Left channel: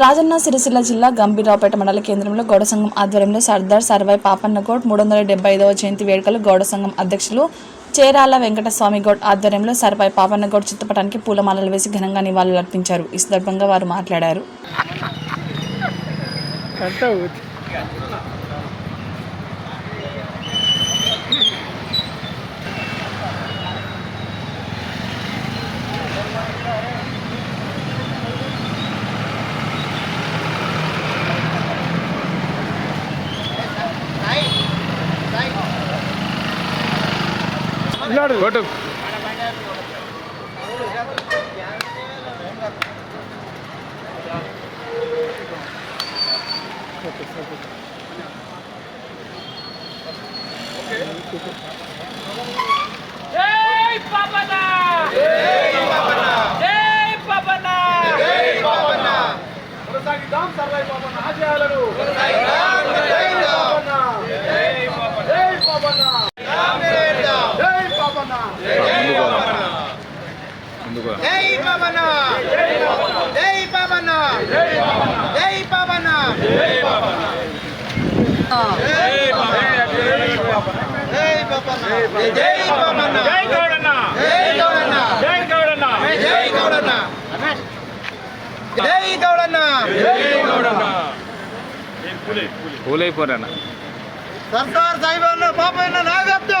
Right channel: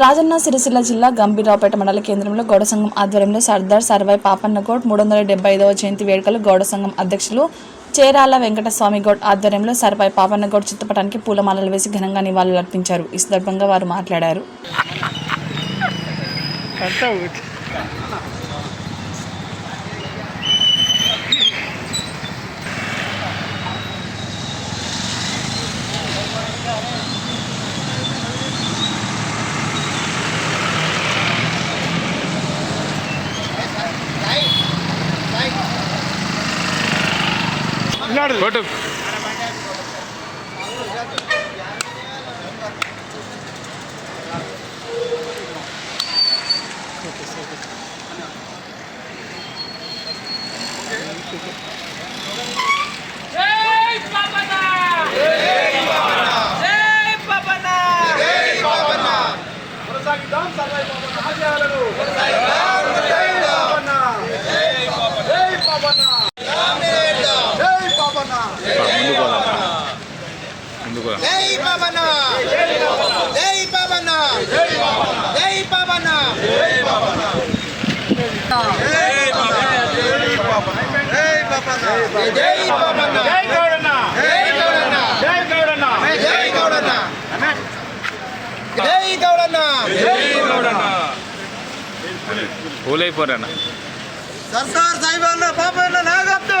రాజన్న సిరిసిల్ల జిల్లా గంభీరావుపేట మండల కేంద్రంలో గౌడ సంఘం ఆధ్వర్యంలో సర్దార్ సర్వాయి పాపన్నకోట్ మూడు వందల డెబ్బై ఐదవ జయంతి వేడుకలు గౌడ సంఘం అధ్యక్షులు చేరాల వెంకటస్వామి గౌడ్ ఆధ్వర్యంలో సర్వాయి పాపన్నగౌడ్ చిత్రపటానికి పూలమాలలు వేసి ఘనంగా నివాళులర్పించారు ఈ సందర్భంగా వారు మాట్లాడారు. ఫోటో సార్ పాపన్న జై పాపన్న జై పాపన్న జై పాపన్న కొనసాగిద్దాం సర్వై పాపన్న ఆశయాలను కొనసాగిద్దాం జై పాపన్న జై పాపన్న జై పాపన్న జై పాపన్న ముందుకు పోదాం ముందుకు పోదాం జై పాపన్న! జై పాపన్న! జై పాపన్న! జై పాపన్న! జై గౌడన్న! జై గౌడన్న! జై గౌడన్న! జై గౌడన్న! జై గౌడన్న! పూలైపోరాన్న సర్దార్ సాహిబన్న పాపన్న నాగబ్దు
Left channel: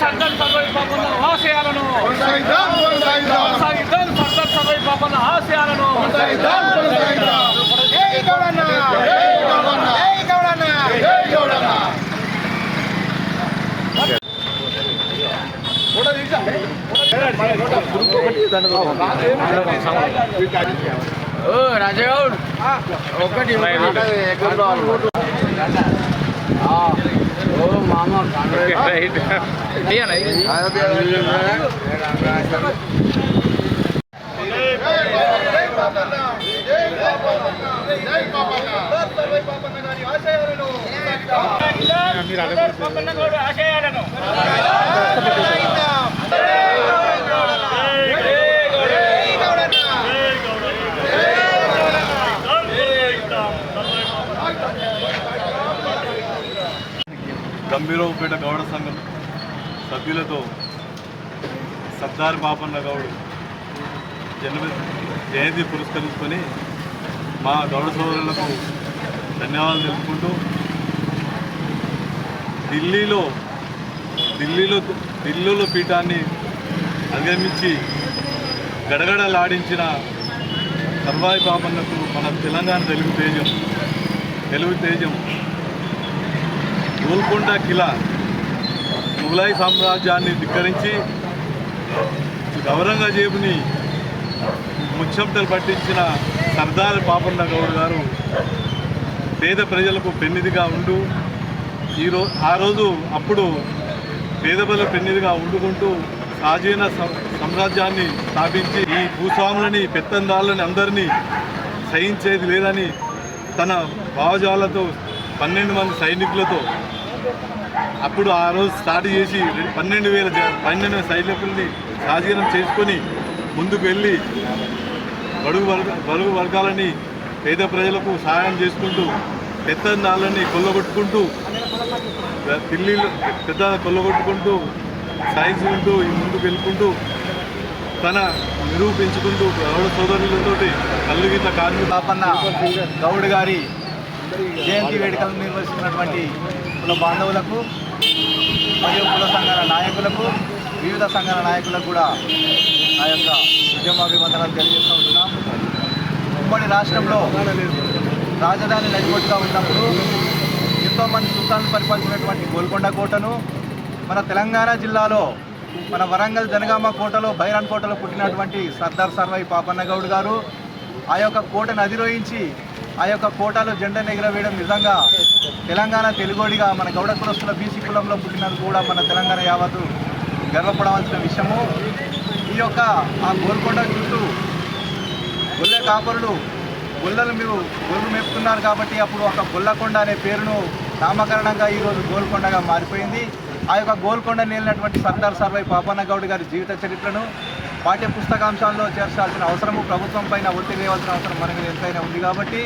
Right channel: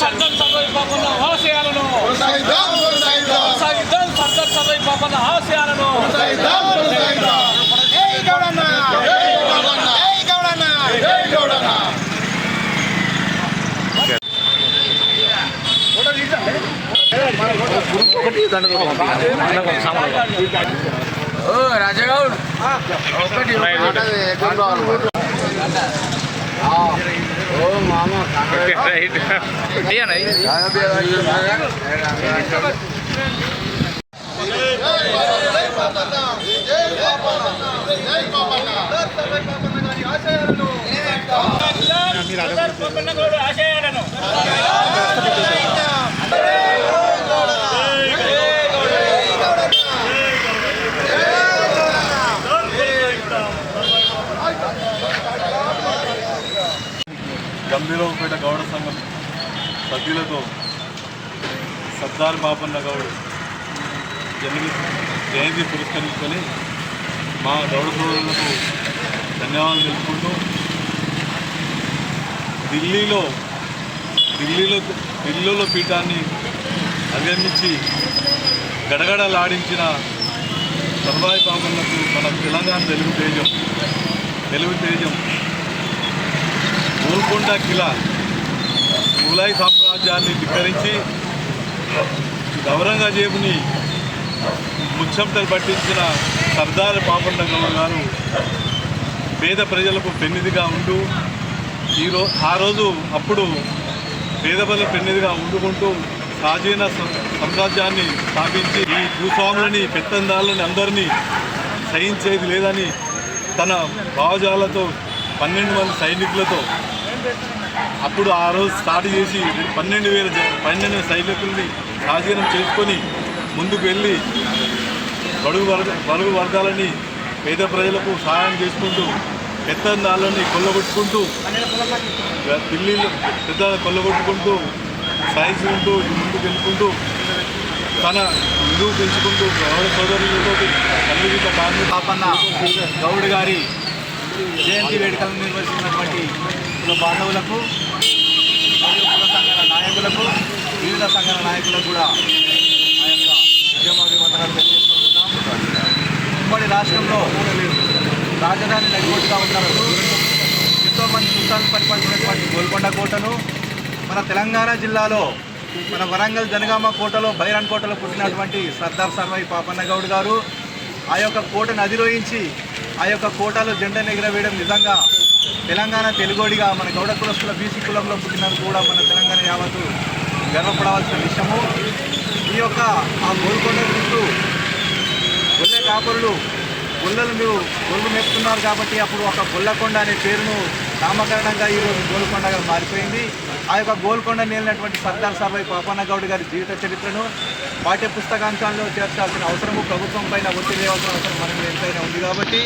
సర్దార్ సర్వై పాపన్న ఆశయాలను కొనసాగిద్దాం సర్దార్ సర్వై పాపన్న ఆశయాలను జై గౌడన్న జై గౌడన్న జై రైట్ ఆశయాలను గంభీరావుపేట గౌడ సంఘం సభ్యులతో సర్దార్ బాపన్న గౌడ్ జన్మ జయంతి పురస్కరించుకొని మా గౌడ సోదరులకు ధన్యవాదాలు తెలుపుకుంటూ ఢిల్లీలో ఢిల్లీలో ఢిల్లీలో పీఠాన్ని అధిగమించి గడగడలాడించిన సర్వాయి పాపన్నకు మన తెలంగాణ తెలుగు తేజం తెలుగు తేజం గోల్కొండ కిలా ముఘలాయి సామ్రాజ్యాన్ని ధిక్కరించి ఔరంగజేబుని ముచ్చంతలు పట్టించిన సర్దార్ పాపన్న గౌడ్ గారు పేద ప్రజలకు పెన్నిదిగా ఉండు. ఈరో ఆ రోజు అప్పుడు పేద ప్రజల పెన్నిదిగా ఉండుకుంటూ స్వాధీన సామ్రాజ్యాన్ని స్థాపించి ఈ భూస్వాములని పెత్తందారులని అందరినీ సహించేది లేదని తన భావజాలతో పన్నెండు మంది సైనికులతో అప్పుడు ఆ రోజు స్టార్ట్ చేసి పన్నెండు వేల పన్నెండు సైనికుల్ని స్వాధీనం చేసుకొని ముందుకు వెళ్ళి బడుగు వర్గ బడుగు వర్గాలని పేద ప్రజలకు సహాయం చేసుకుంటూ పెత్తందాలని కొల్లగొట్టుకుంటూ ఢిల్లీలో పెద్ద కొల్లగొట్టుకుంటూ సాధించుకుంటూ ముందుకు వెళ్ళుకుంటూ తన విలువ పెంచుకుంటూ గౌడ సోదరులతోటి కల్లుగీత కార్మిక గౌడ్ గారి జయంతి వేడుకలను నిర్వహిస్తున్నటువంటి కుల బాంధవులకు మరియు కుల సంఘాల నాయకులకు వివిధ సంఘాల నాయకులకు కూడా ఆ యొక్క ఉద్యమాభివందనాలు తెలియజేస్తూ ఉంటున్నాం ఉమ్మడి రాష్ట్రంలో రాజధాని నడిగొట్టుగా ఉన్నప్పుడు ఎంతోమంది సుల్తాన్లు పరిపాలించినటువంటి గోల్కొండ కోటను మన తెలంగాణ జిల్లాలో మన వరంగల్ జనగామ కోటలో బైరాన్ కోటలో పుట్టినటువంటి సర్దార్ సర్వై పాపన్న గౌడ్ గారు ఆ యొక్క కోటను అధిరోహించి ఆ యొక్క కోటాలో జెండా ఎగరవేయడం నిజంగా తెలంగాణ తెలుగోడిగా మన గౌడ కులస్తుల బీసీ కులంలో పుట్టినందుకు కూడా మన తెలంగాణ యావత్తు గర్వపడవలసిన విషయము. ఈ యొక్క ఆ గోల్కొండ చుట్టూ గొల్లె కాపురులు గొల్లలు మీరు గొల్లు మేపుతున్నారు కాబట్టి అప్పుడు ఒక గొల్లకొండ అనే పేరును నామకరణంగా ఈరోజు గోల్కొండగా మారిపోయింది. ఆ యొక్క గోల్కొండ నేలినటువంటి సర్దార్ సర్వై పాపన్న గౌడ్ గారి జీవిత చరిత్రను పాఠ్య పుస్తకాంశాల్లో చేర్చాల్సిన అవసరము ప్రభుత్వం పైన ఒత్తిడి వేయాల్సిన అవసరం మనకి ఎంతైనా ఉంది కాబట్టి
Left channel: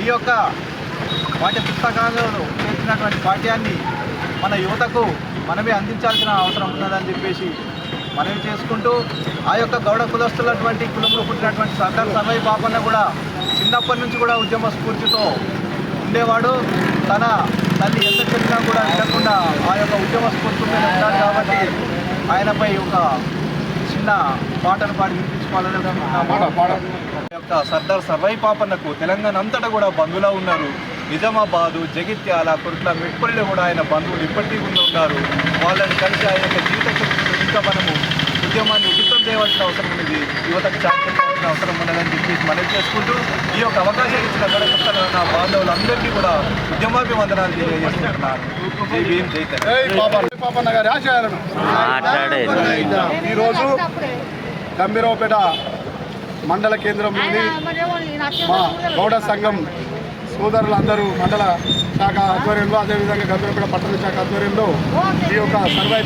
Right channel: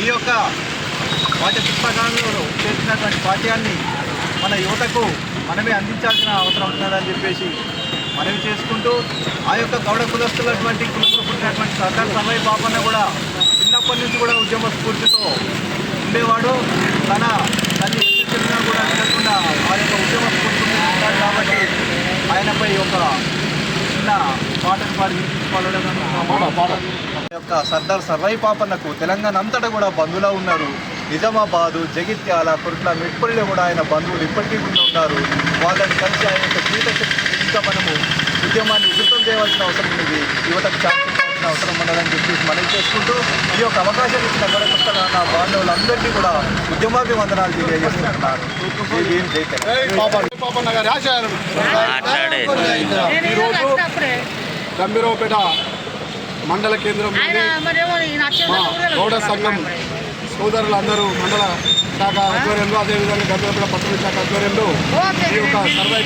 ఈ యొక్క పాఠ్య పుస్తకాలలో చేర్చినటువంటి పాఠ్యాన్ని మన యువతకు మనమే అందించాల్సిన అవసరం ఉన్నదని చెప్పేసి మనవి చేసుకుంటూ ఆ యొక్క గౌడ కులస్తులటువంటి కులంలో పుట్టినటువంటి సర్దార్ సమయ బాబన్న కూడా చిన్నప్పటి నుంచి కూడా ఉద్యమ స్ఫూర్తితో ఉండేవాడు. తన తల్లి ఎంత చెప్పినా కూడా వినకుండా ఆ యొక్క ఉద్యమ స్ఫూర్తితోనే ఉన్నాడు కాబట్టి ఆయనపై ఒక చిన్న పాటను పాడి వినిపించుకోవాలని యొక్క సర్దార్ సర్వై పాపన్నకు తెలంగాణ అంతటా కూడా బంధువులా ఉన్నారు. నిజామాబాదు జగిత్యాల కుర్ట్ల మెట్పల్లిలో కూడా ఆయన బంధువులు ఇప్పటికీ కూడా ఉన్నారు వాళ్ళని కలిసి ఆయన యొక్క జీవిత ఇంకా మనము ఉద్యమాన్ని ఉధృతం చేయవలసిన అవసరం ఉంది యువతకు చాటుకోవాల్సిన అవసరం ఉన్నదని చెప్పేసి మనవి చేసుకుంటూ ఈ యొక్క అవకాశం ఇచ్చిన గడపస్తున్న నా బాంధవులందరికీ కూడా ఉద్యమాభివందనాలు జై జై ఆశయాలను. ఈరోజు గంభీరావుపేట మండల కేంద్రంలోని మా గౌడ సంఘం సోదరులందరూ మండల శాఖ ఆధ్వర్యంలో అదేవిధంగా గంభీరావుపేట పట్టణ శాఖ ఆధ్వర్యంలో ఈ యొక్క సర్వై